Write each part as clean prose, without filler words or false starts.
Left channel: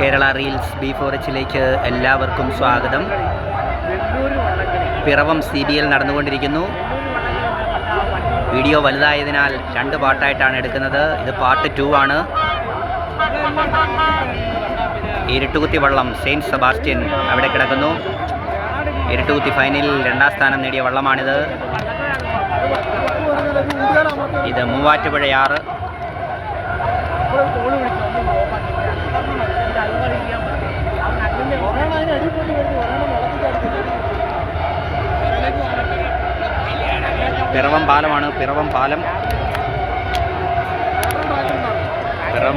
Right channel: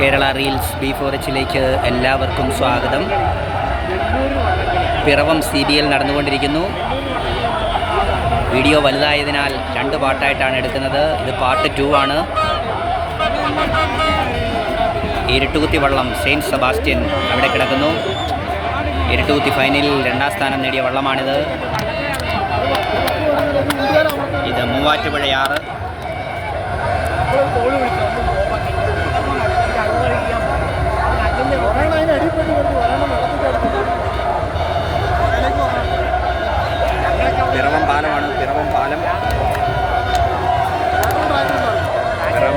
Kerala reels B4Hലേക്ക് എല്ലാവർക്കും സ്വാഗതം. Piravom CBL നടന്നുകൊണ്ടിരിക്കുന്നു. വീഡിയോ വലുതായതിനാൽ 2 പാർട്ടായിട്ടാണ് എടുക്കുന്നത്. ഇത് പാർട്ട് 2 ആണ്. ഇരുട്ടുകുത്തി വള്ളം സെയിൻറ്റ് സെബാസ്റ്റ്യൻ അവിടെ കിടക്കുന്നു. ഇരുട്ടുകുത്തി ഫൈനലിൽ 2ാം സ്ഥാനം നേടിയ വള്ളമാണിത്. ഇത് മൂവാറ്റുപുഴയാറ്. പിറവം പാലമാണ്. പിറവം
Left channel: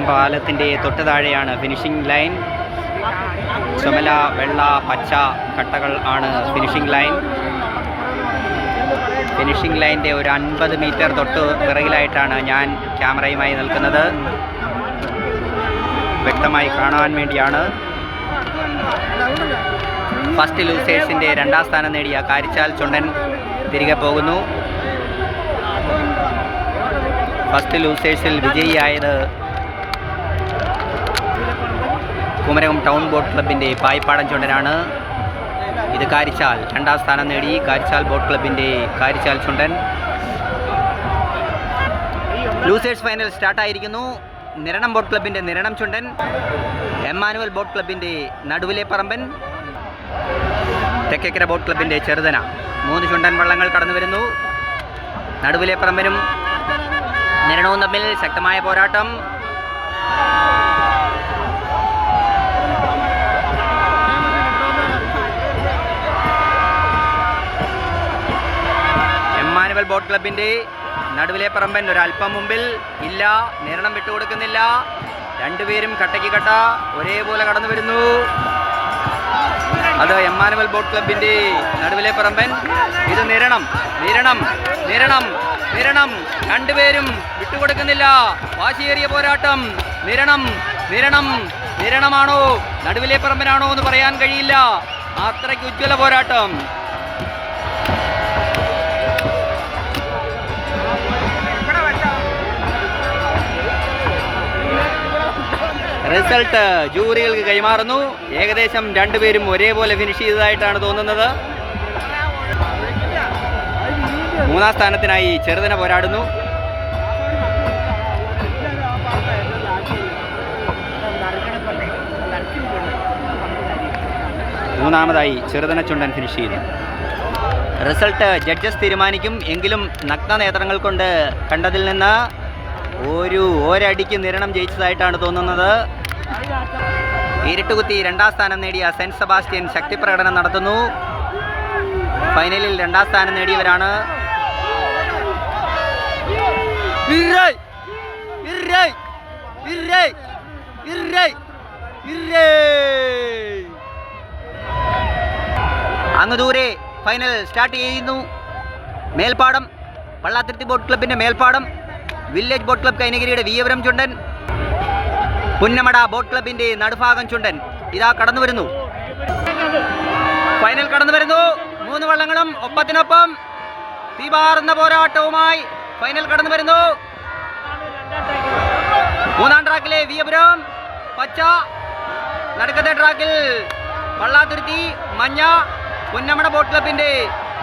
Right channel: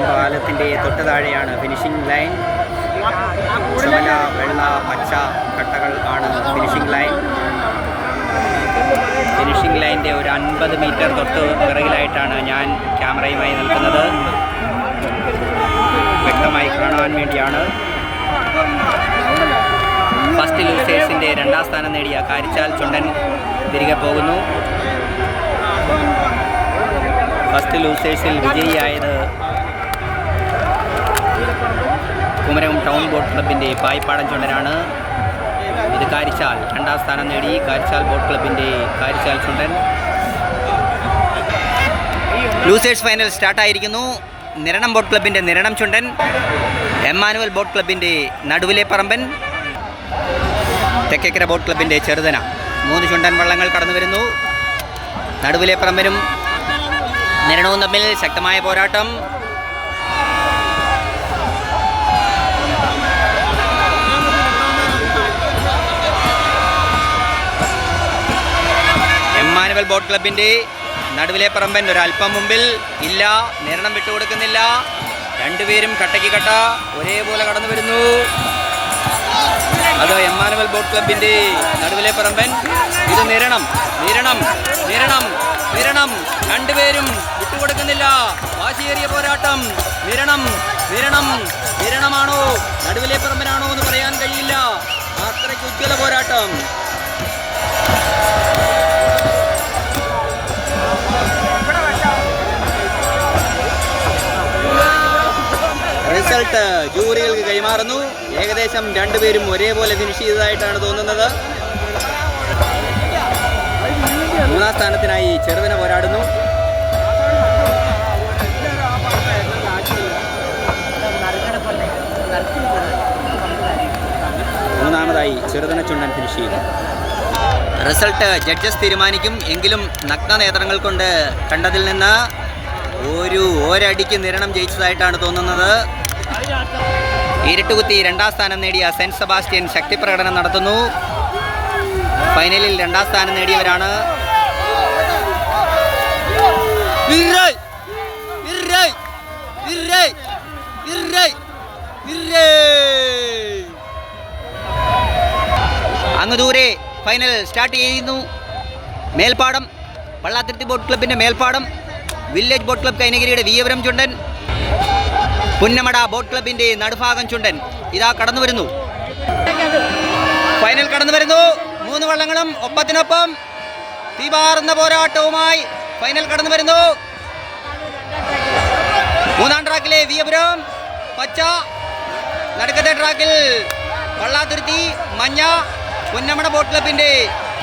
പാലത്തിൻ്റെ തൊട്ട് താഴെയാണ് ഫിനിഷിംഗ് ലൈൻ. ചുമല, വെള്ള, പച്ച കട്ടകൾ ആണ് ഫിനിഷിംഗ് ലൈൻ. ഫിനിഷിംഗ് ലൈൻ്റെ ഒരു 50 മീറ്റർ തൊട്ട് പിറകിലായിട്ടാണ് ഞാൻ ക്യാമറയുമായി നിൽക്കുന്നത്. വ്യക്തമായി കാണാൻ വേണ്ടിയാണ്. ഫസ്റ്റ് ലൂസേഴ്സിൻ്റെ 2ാം സ്ഥാനം നേടിയ കാരിച്ചാൽ ചുണ്ടൻ തിരികെ പോകുന്നു. ഫസ്റ്റ് ലൂസേഴ്സിൽ വിജയിയായത് കുമരകം ടൗൺ ബോട്ട് ക്ലബിൻ്റെ പായിപ്പാടൻ ചുണ്ടനാണ്. ഇത് കാരിച്ചാൽ 2ാം സ്ഥാനം നേടി കാരിച്ചാൽ ബോട്ട് ക്ലബിൻ്റെ കാരിച്ചാൽ ചുണ്ടൻ. ലൂസേഴ്സ് ഫൈനൽ സ്റ്റാർട്ടായിരിക്കുന്നു. നിരണം ബോട്ട് ക്ലബിൻ്റെ നിരണം ചുണ്ടൻ, എമ്മാനുവൽ ബോട്ട് ക്ലബിൻ്റെ നടുവിലെ പറമ്പൻ, തെക്കേക്കര ബോട്ട് ക്ലബിൻ്റെ ചെറുതന. 3 ചുണ്ടൻ വള്ളങ്ങൾ കടന്നു വരുന്നു. നടുവിലെ പറമ്പനും നിരണവും തമ്മിൽ ശക്തമായ പോരാട്ടം. എമ്മാനുവൽ ബോട്ട് ക്ലബിൻ്റെ നടുവിലെ പറമ്പൻ ഒരല്പം മുമ്പിൽ ഇല്ല. നിരണം വിട്ടുകൊടുക്കുന്നില്ല. 2 പേരും കട്ടയ്ക്ക് കട്ട ഒരേപോലെ കടന്നു വരുന്നു. അത് എമ്മാനുവൽ ബോട്ട് ക്ലബിൻ്റെ നടുവിലെ പറമ്പൻ. ഇത് നിരണം. 2 പേരും വിട്ടുകൊടുക്കുന്നില്ല. വാശിയേറിയ പോരാട്ടം. നിരണമാണോ നടുവിലെ പറമ്പനാണോ എന്ന് പറയാൻ കഴിയില്ല. അത്രയ്ക്ക് ഉജ്ജ്വല പോരാട്ടം. റിസൾട്ട് ജൂറികൾക്ക് കൈമാറുന്നു. ഏകദേശം 2 പേരും ഒരേപോലെ ഫിനിഷ് ചെയ്തതായിട്ടാണ് തോന്നുന്നത്. 3ാം സ്ഥാനത്തിനായി ചെറുതന പോരാടുന്നു. മൂന്നാമതായി ചെറുതന ചുണ്ടൻ ഫിനിഷ് ചെയ്തു. റിസൾട്ട് ജഡ്ജസ് തീരുമാനിക്കും. എങ്കിലും നഗ്ന നേത്രങ്ങൾ കൊണ്ട് കണ്ടതിൽ നിന്ന് ഒരടിക്ക് നിരണം ജയിച്ചതായിട്ടാണ് തോന്നുന്നത്. ഇരുട്ടുകുത്തി 2ാം സ്ഥാനം നേടിയ സെൻറ്റ് സെബാസ്റ്റ്യൻ ശക്തി പ്രകടനം നടത്തുന്നു. ഫൈനലിൽ 2ാം സ്ഥാനം നേടിയവരാണ് അങ്ങ് ദൂരെ ഫൈനൽ സ്റ്റാർട്ട് ചെയ്യുന്നു. മേൽപ്പാടം പള്ളാത്തുരുത്തി ബോട്ട് ക്ലബിൻ്റെ മേൽപ്പാടം, വില്ലേജ് ബോട്ട് ക്ലബ് കൈനഗിരിയുടെ വീയപുരം ചുണ്ടൻ, പുന്നമട ബോട്ട് ക്ലബിൻ്റെ നടുഭാഗം ചുണ്ടൻ ഇതാ കടന്നു വരുന്നു. ഫൈനൽ കടന്നു വരുന്നു. 3 വള്ളങ്ങളും ഒപ്പത്തിനൊപ്പം തീപാറുന്ന പോരാട്ടവുമായി ഫൈനൽ കടന്നു വരുന്നു. 3ാം ട്രാക്കിലെ വീയപുരം പച്ച, നടുക്കത്തെ ട്രാക്കിൽ പള്ളാത്തുരുത്തി മഞ്ഞ, പുന്നമട ബോട്ട് ക്ലബിൻ്റെ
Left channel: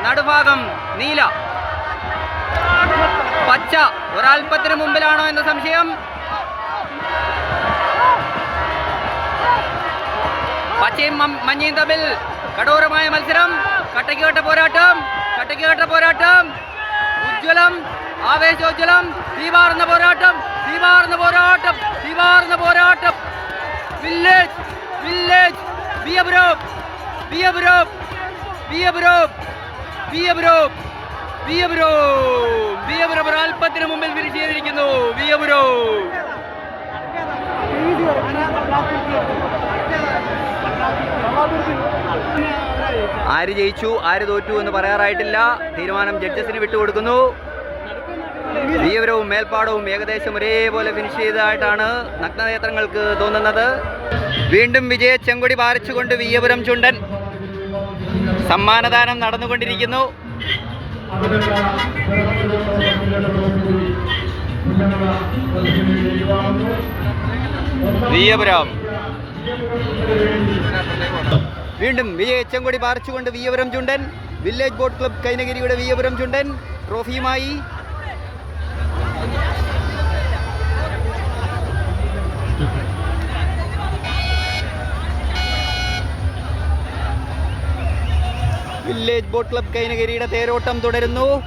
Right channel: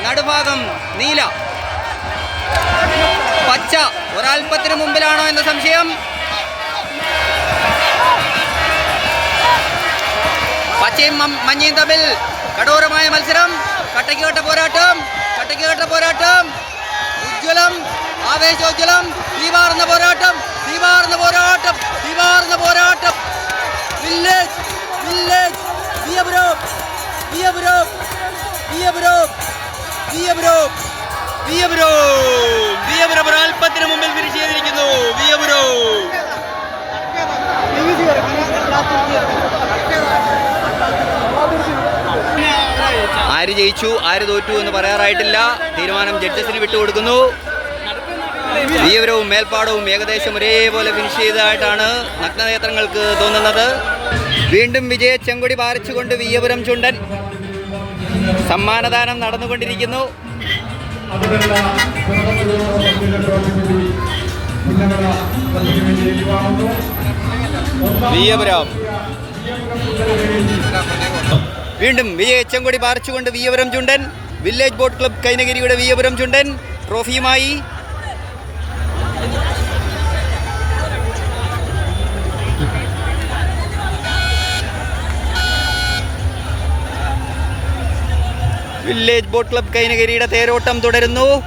നടുഭാഗം നീല. പച്ച ഒരൽപ്പത്തിന് മുമ്പിലാണോ എന്ന സംശയം. പച്ചയും മഞ്ഞയും തമ്മിൽ കഠോരമായ മത്സരം. കട്ടയ്ക്ക് പോരാട്ടം. ഉജ്ജ്വലം, ആവേശോജ്വലം. തീപാറുന്ന പോരാട്ടം. വില്ലേജ് വിയപുരം ഒരൽപ്പത്തിന് മുമ്പിൽ ഫിനിഷ് ചെയ്തിരിക്കുന്നു. ആര് ജയിച്ചു ആര് തോറ്റു എന്ന് പറയാറായിട്ടില്ല. തീരുമാനം ജഡ്ജസിന് വിട്ടുകൊടുക്കുന്നു. വീയപുരവും മേൽപ്പാടവും ഏകദേശം ഒരേപോലെ ഫിനിഷ് ചെയ്തതായിട്ടാണ് നഗ്നനേത്രങ്ങൾക്ക് തോന്നുന്നത്. വീണ്ടും വിജയ ചെങ്കൊടി പാറിച്ചുകൊണ്ട് വീയപുരം ചുണ്ടൻ. സമ്മാനദാനം നടന്നുകൊണ്ടിരിക്കുന്നു. വീയപുരം വീണ്ടും വിജയച്ചങ്കൊടി പാറിച്ചുകൊണ്ട് വിയപുരം ചുണ്ടൻ. വില്ലേജ് ബോട്ട് ക്ലബ് കൈനഗിരിയുടെ വിയപുരം ചുണ്ടൻ ട്രോഫിയുമായി. വില്ലേജ് ബോട്ട് ക്ലബ് കൈനഗിരിയുടെ തേരോട്ടം തുടരുന്നു.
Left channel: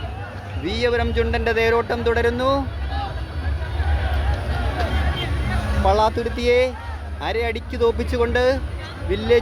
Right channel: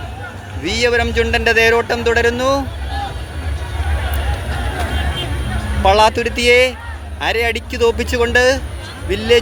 വിയപുരം ചുണ്ടന്റെ തേരോട്ടം തുടരുന്നു. പള്ളാത്തുരുത്തിയെ അരയടിക്ക് തോപ്പിച്ചുകൊണ്ട് വില്ലേജ്